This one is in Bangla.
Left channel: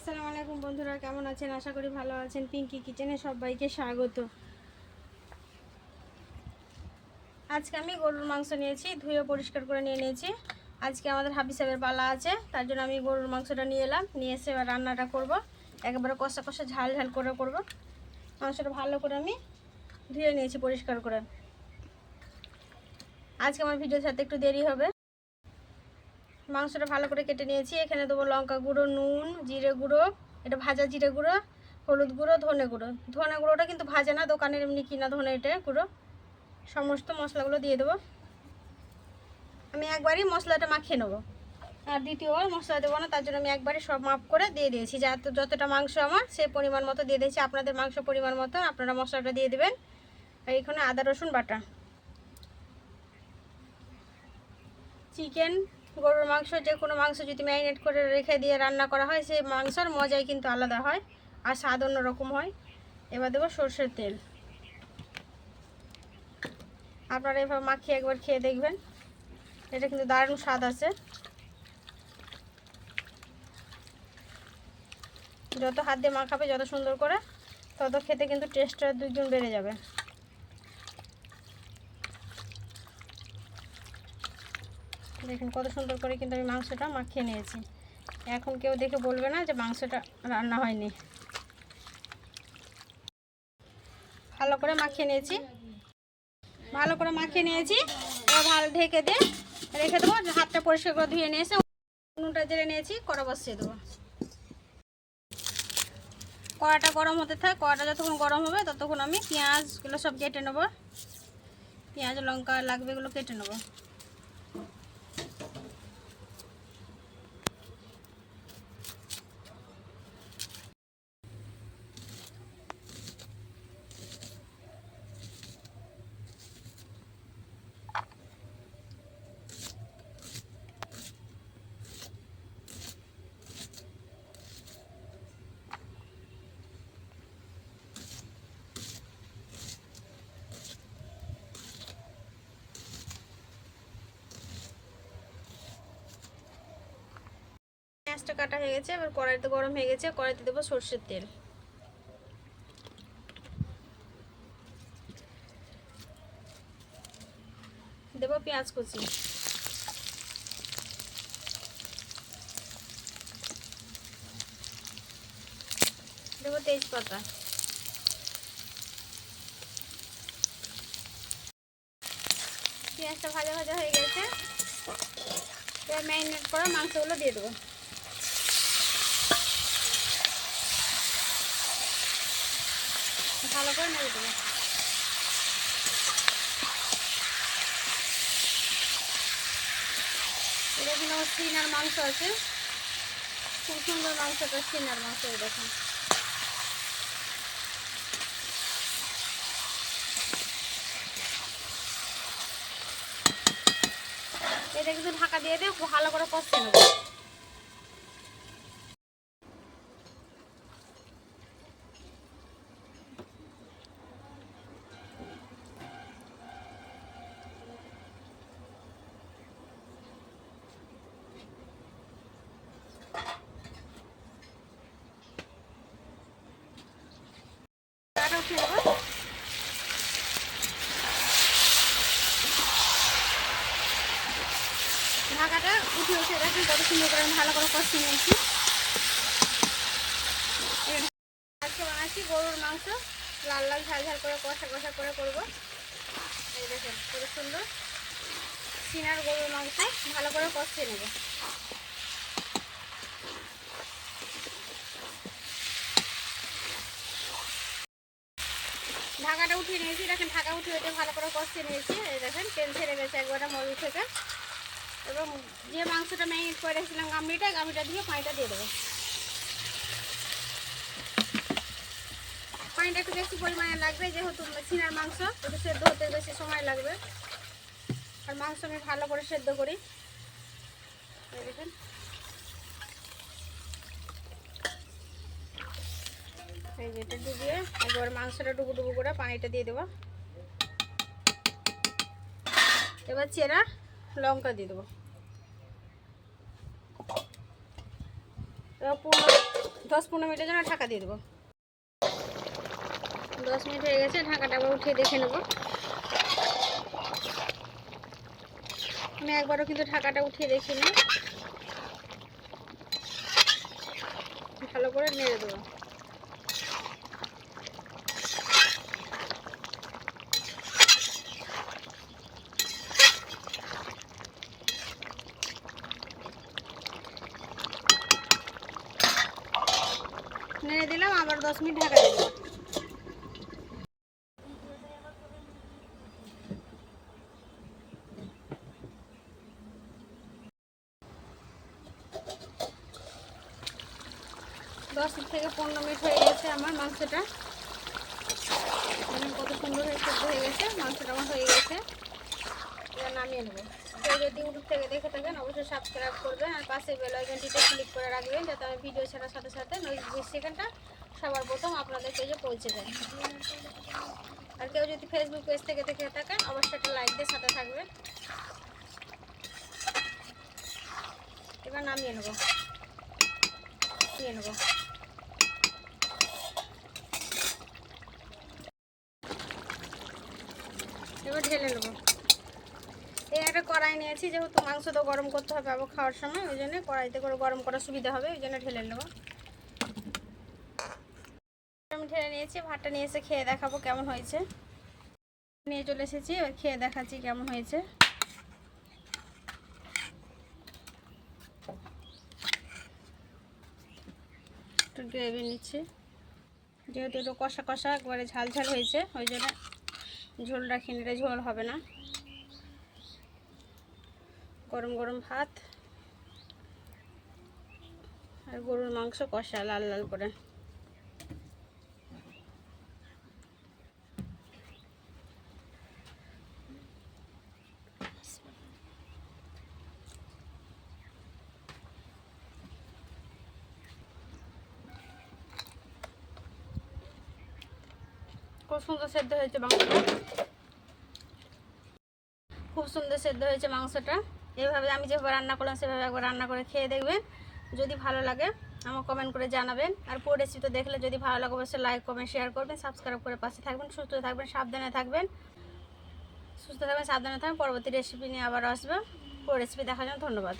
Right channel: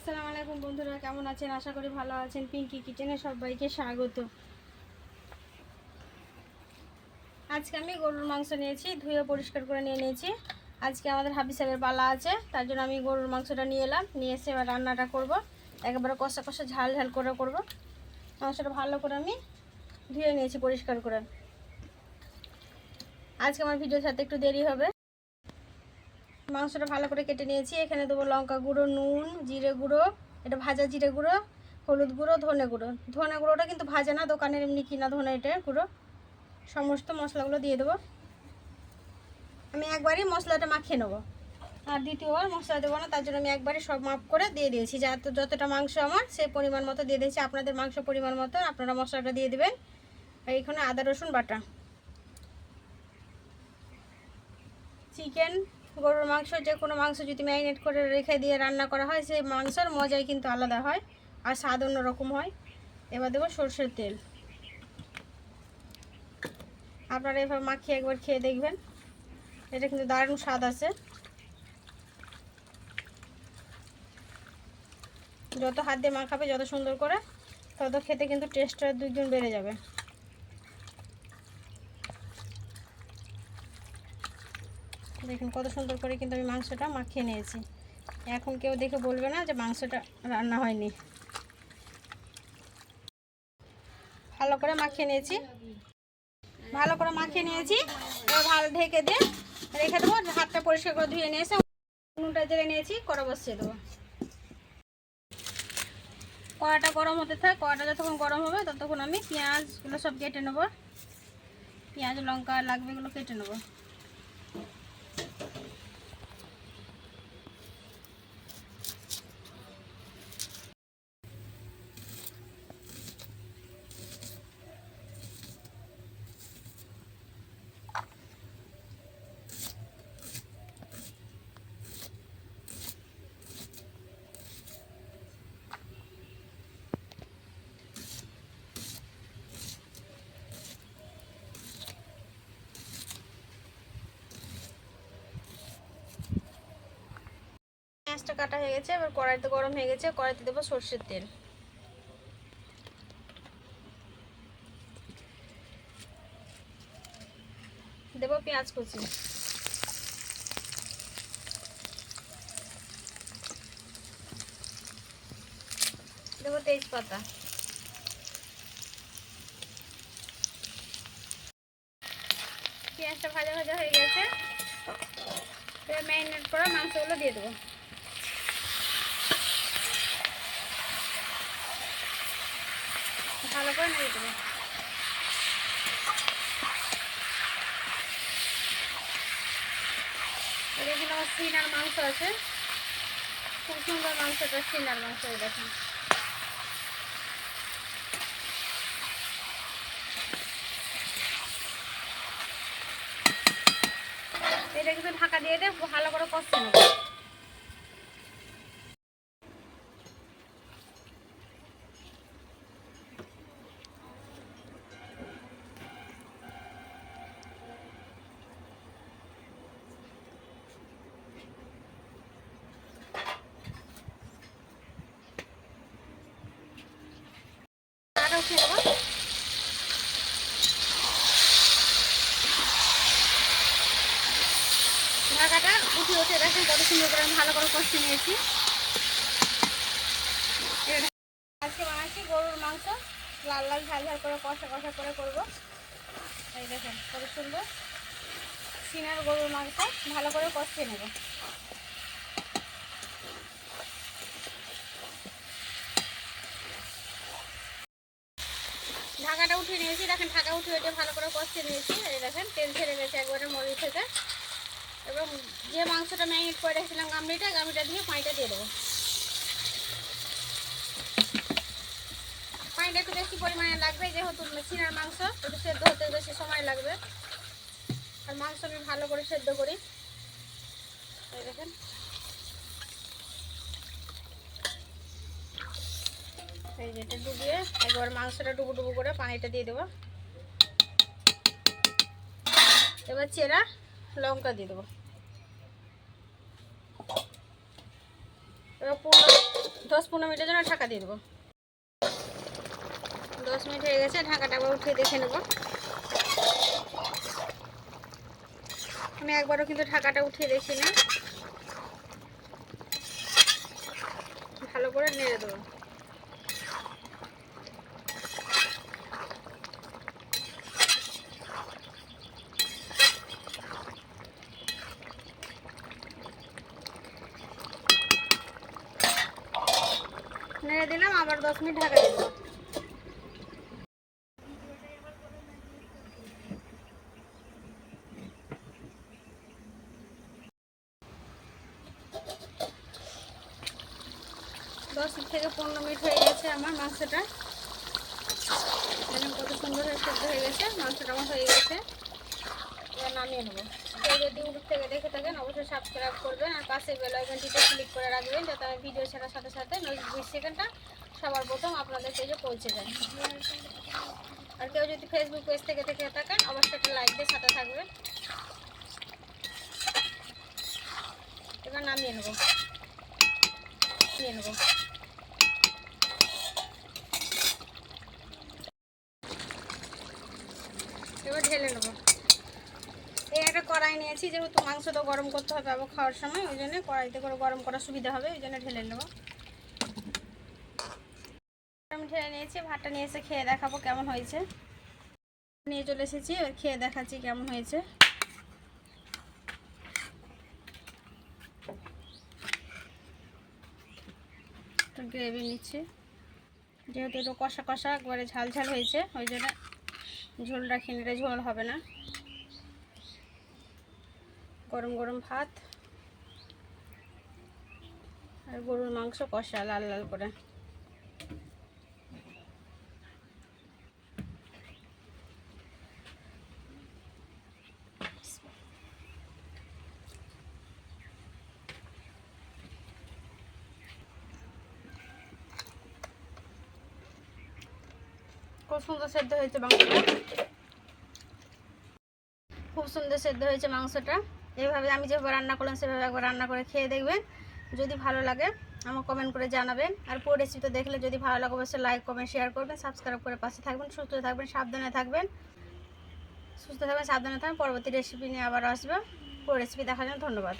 আসসালামু আলাইকুম বন্ধুরা, কেমন আছেন? আশা করি ভালো আছেন। পিঙ্কি কিচেনে সবাইকে স্বাগত। আজকে আমি গরুর মাংস নিয়েছি, ধুয়ে পরিষ্কার করে নিয়ে নিয়েছি। আজকে আমাদের হাবি সাহেবের পালা আছে, তার জন্য আমি গরুর মাংসটা নিয়ে এলাম। নিয়ে এসে এবার রান্নাটা করব। একেবারে কষা কষা ঝাল ঝাল করে করব। মাংসটা ভালো করে আমি ধুয়ে নিয়েছি পরিষ্কার করে। আজকে আমার ভিডিওর সাথে একটু দেরি হবে। মাংসটা ভালো করে কেটে নিয়েছি। এখানে দেবো লঙ্কা গুঁড়ো, নুন, জিরে গুঁড়ো, এটা ভাজা জিরে গুঁড়ো, হলুদ গুঁড়ো, ধনে গুঁড়ো। ধনে গুঁড়োটা কিন্তু ভাজা না দোকানের এমনি কিনা ধনে এটা গুঁড়ো। সমস্ত মশলাগুলো দিয়ে দেবো। আমি একবারই মশলাটা মাখিয়ে নেব। আর দ্বিতীয়বার মশলা দেবো না, তার জন্য আমি একবারে সব মাপ করে দিয়ে দিয়েছি। যত যতটা মাংস আমার, সেই পরিমাণ মতো দিয়ে দিয়েছি। আপনাদের মাংস পরিমাণ মতো আপনারা মশলাটা দিয়ে দেবেন। আর এখানে আদা রসুন বাটা। চিকেন গরুর মাংস, যে কোনো মাংস যদি ম্যারিনেট করে রেখে দিয়ে রান্না করা হয়, সেই মাংসর মজাই কিন্তু আলাদা হয় আর স্বাদ অন্যরকম হয়। এবার দেবো সর্ষের তেল। আপনারা এভাবে মাখিয়ে একবার খেয়ে দেখবেন। এটা কিন্তু দারুণ স্বাদ আছে। যত হাত দিয়ে মাখাবে, যত সুন্দর করে, তত খেতে কিন্তু টেস্টটা দুইগুণ বেড়ে যাবে। দেখুন কত সুন্দর করে কিন্তু আমি মাংসটা মাখিয়ে নিয়েছি। এখন কেউ দেখে বলবে না যে মাংসটা রান্না হয়নি। ভালো করে মাখিয়ে নিয়েছি। ভালো করে মাখিয়ে নিয়েছি। এবার ভালো ঢেকে দিয়ে রেখে দেবো। হাতটা পরিষ্কার করে ধুয়ে নিয়ে এসে নুনটা জেলে নিয়েছি, কড়া বসিয়ে দেবো। কড়াটা গরম হতে থাকে। কড়াটা যতক্ষণ গরম হবে ততক্ষণ আমি পেঁয়াজগুলো সব কেটে নেব। পেঁয়াজ, লঙ্কা, লাগবে এগুলো কেটে নেব। পেঁয়াজটা কাটা হয়ে গেছে, এবার কড়াইতে গরম হয়ে গেছে, কড়াইতে দেবো সর্ষের তেল। দেবো পেঁয়াজ কুচি। দেবো তেজপাতা। পেঁয়াজটা ভাজা ভাজা হয়ে গেছে। এবার ম্যারিনেট করা মাংসগুলো দিয়ে দেবো। ভালো করে দেবো। মাংস এটা কিন্তু ঢাকা দিয়ে দিয়ে ভালো করে ঢাকা উঠিয়ে দেবো ঢাকাটা উঠিয়েছে দেখুন কত সুন্দর করে আমি ভালো করে কষি নিয়েছি। আজকে বানাচ্ছি গরুর মাংস, লাল লাল, ঝাল ঝাল করে কষা কষা করে করব। এই দেখেন কত সুন্দর। সিনার গরুর মাংস, ভালো করে কষিয়ে নেব। ঢাকাটা উঠিয়ে নিয়েছি, দেখেন ঢাকা উঠিয়ে ওটা ভালো করে কষিয়ে নিয়েছি। এই দেখেন তেল ছেড়ে গেছে একবারে মরিচ থেকে। এবং যে মাংসটা ম্যারিনেট করে রেখেছিলাম গামড়িটা গামড়িটা দিয়ে পানিটা দিয়ে দেবো। পানিটা একটু বেশি পরিমাণে লাগবে, যেহেতু চিনার মাংস, একটু সেদ্ধ হতে বেশি সময় লাগবে। আর মাংস আমি ভালো করে সেদ্ধ করি। দেখেন। এই যেটা ডুবিয়ে একবার মাংসটা ডুবু ডুবু করে পানিটা দিয়ে দেবো। এবার চেরা লঙ্কা দিয়ে দেবো। দশ পনেরো মিনিটের জন্য ঢাকা দিয়ে দেবো। দশ মিনিট হয়ে গেছে, ঢাকাটা আবার উঠিয়ে দেখে নেব। আমি একবারও কিন্তু ঢাকাটা উঠিয়ে দেখিনি। ভালো করে নেড়ে দেবো নেড়ে দিলাম আবার দশ মিনিট ঢাকা দিলাম দশ থেকে পনেরো মিনিট হয়ে গেছে আমার মাংসটা। কত সুন্দর হয়ে সেদ্ধ হয়ে গেছে, মাংসটা আমার হয়ে গেছে। এবার নামিয়ে নেব। কেউ যদি ইউটিউব থেকে দেখে থাকেন, অবশ্যই সাবস্ক্রাইব করবেন আর পাশে বেল আইকনটিতে ক্লিক করে রাখবেন, যাতে আমি ভিডিও ছাড়ার সাথে সাথে বিশ সেকেন্ডটা সবার প্রথম আপনাদের পেজে পৌঁছে যায়। আর কেউ যদি ফেসবুক পেজ থেকে দেখে থাকেন, অবশ্যই একটা লাইক দিয়ে সাথে থাকবেন। এবার নামিয়ে নেব। নিয়ে নেব। এবার ঢেলে নেব। এই একটা কড়াই নিয়েছি, যেহেতু মাংসটা গরম করতে হবে আবার খাওয়ার সময়, ওই জন্য কড়াইতে করে গরম করার সুবিধা হবে, ওই জন্য ঢেলে নেব। ঢেলে নিয়েছি, ভাতটা নিয়ে এসে খেয়ে দেখাবো কেমন হয়েছে। নিয়ে চলে এসেছি খেয়ে দেখাচ্ছি কেমন হয়েছে। একটু গ্রেভি নিচ্ছি। যেহেতু একটু কষা কষা, একবারে ঝাল ঝাল হয়েছে, ওই জন্য ঝোল রাখি নিলে ঝোল হবে না। গরম গরম ভাত আর গরুর মাংস কষা, লাল লাল করে। খুব সুন্দর সেদ্ধ হয়েছে মাংসটা। খুব সুন্দর সেদ্ধ হয়েছে মাংসটা। এইভাবে আমি যেভাবে রান্না করলাম, সেভাবে একবার রান্না করে খেয়ে দেখবেন। যদি ভালো লাগে আমার কমেন্ট করে জানাবেন। আর পুরো রেসিপিটা দেখলে যদি ভালো লাগে, অবশ্যই লাইক কমেন্ট শেয়ার করবেন। সাবস্ক্রাইব করে পাশে থাকবেন, সুস্থ থাকবেন, সাবধানে থাকবেন। সুস্থ থাকবেন, সাবধানে থাকবেন। পরবর্তী রেসিপি নিয়ে আবার আসবে। পুরো রেসিপি দেখার জন্য ধন্যবাদ।